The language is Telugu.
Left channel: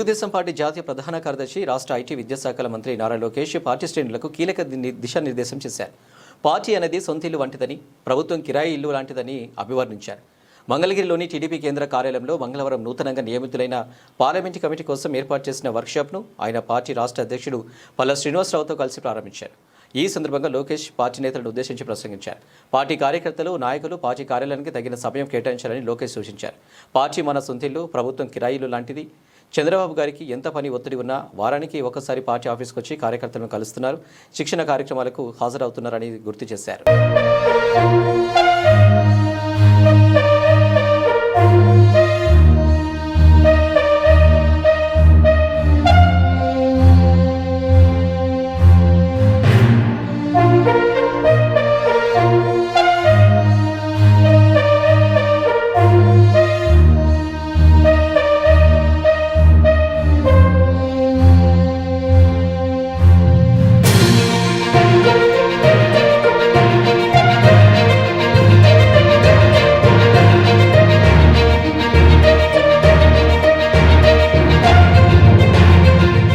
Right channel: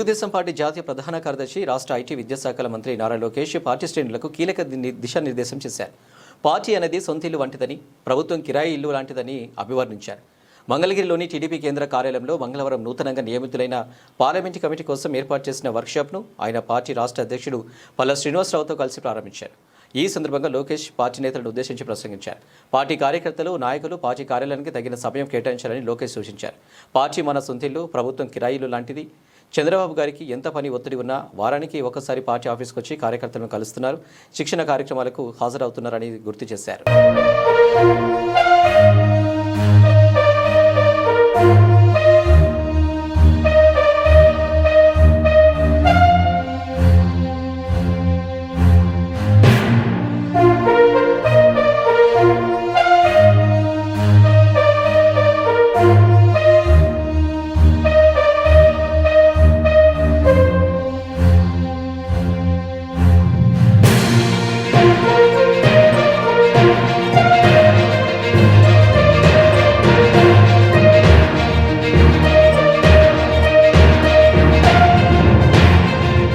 తెలుగుదేశం పార్టీ జాతీయ ప్రధాన కార్యదర్శి రాష్ట్ర ఐటీ విద్యాశాఖల మంత్రి నారా లోకేష్ పార్టీ శ్రేణులకు కీలక దిశానిర్దేశం చేశారు. పార్టీ అనేది సొంత ఇల్లు వంటిదని, ప్రభుత్వం కిరాయి ఇల్లు లాంటిదని అభివర్ణించారు. మంగళగిరిలోని టీడీపీ కేంద్ర కార్యాలయంలో మంగళవారం నూతనంగా నియమితులైన పార్లమెంటు కమిటీ కోసం ఏర్పాటు చేసిన వర్క్షాప్ను ఆయన పార్టీ రాష్ట్ర అధ్యక్షుడు పల్ల శ్రీనివాసరావుతో కలిసి ప్రారంభించారు. ఈ సందర్భంగా లోకేష్ పార్టీ నేతలను ఉద్దేశించి ప్రసంగించారు. పార్టీ కార్యకర్తలు, నాయకులు పార్టీ కార్యాలయానికి తగిన సమయం కేటాయించాలని లోకేష్ సూచించారు. పార్టీ మన సొంతిల్లు, ప్రభుత్వం కిరాయిలు లాంటిది. చంద్రబాబు గారికి ఎంత పని ఒత్తిడి ఉన్నా వారానికి ఒకసారి పార్టీ ఆఫీస్కి వచ్చి కార్యకర్తలను కలుస్తున్నారు, శిక్షణ కార్యక్రమాలకు హాజరవుతున్నారని గుర్తు చేశారు.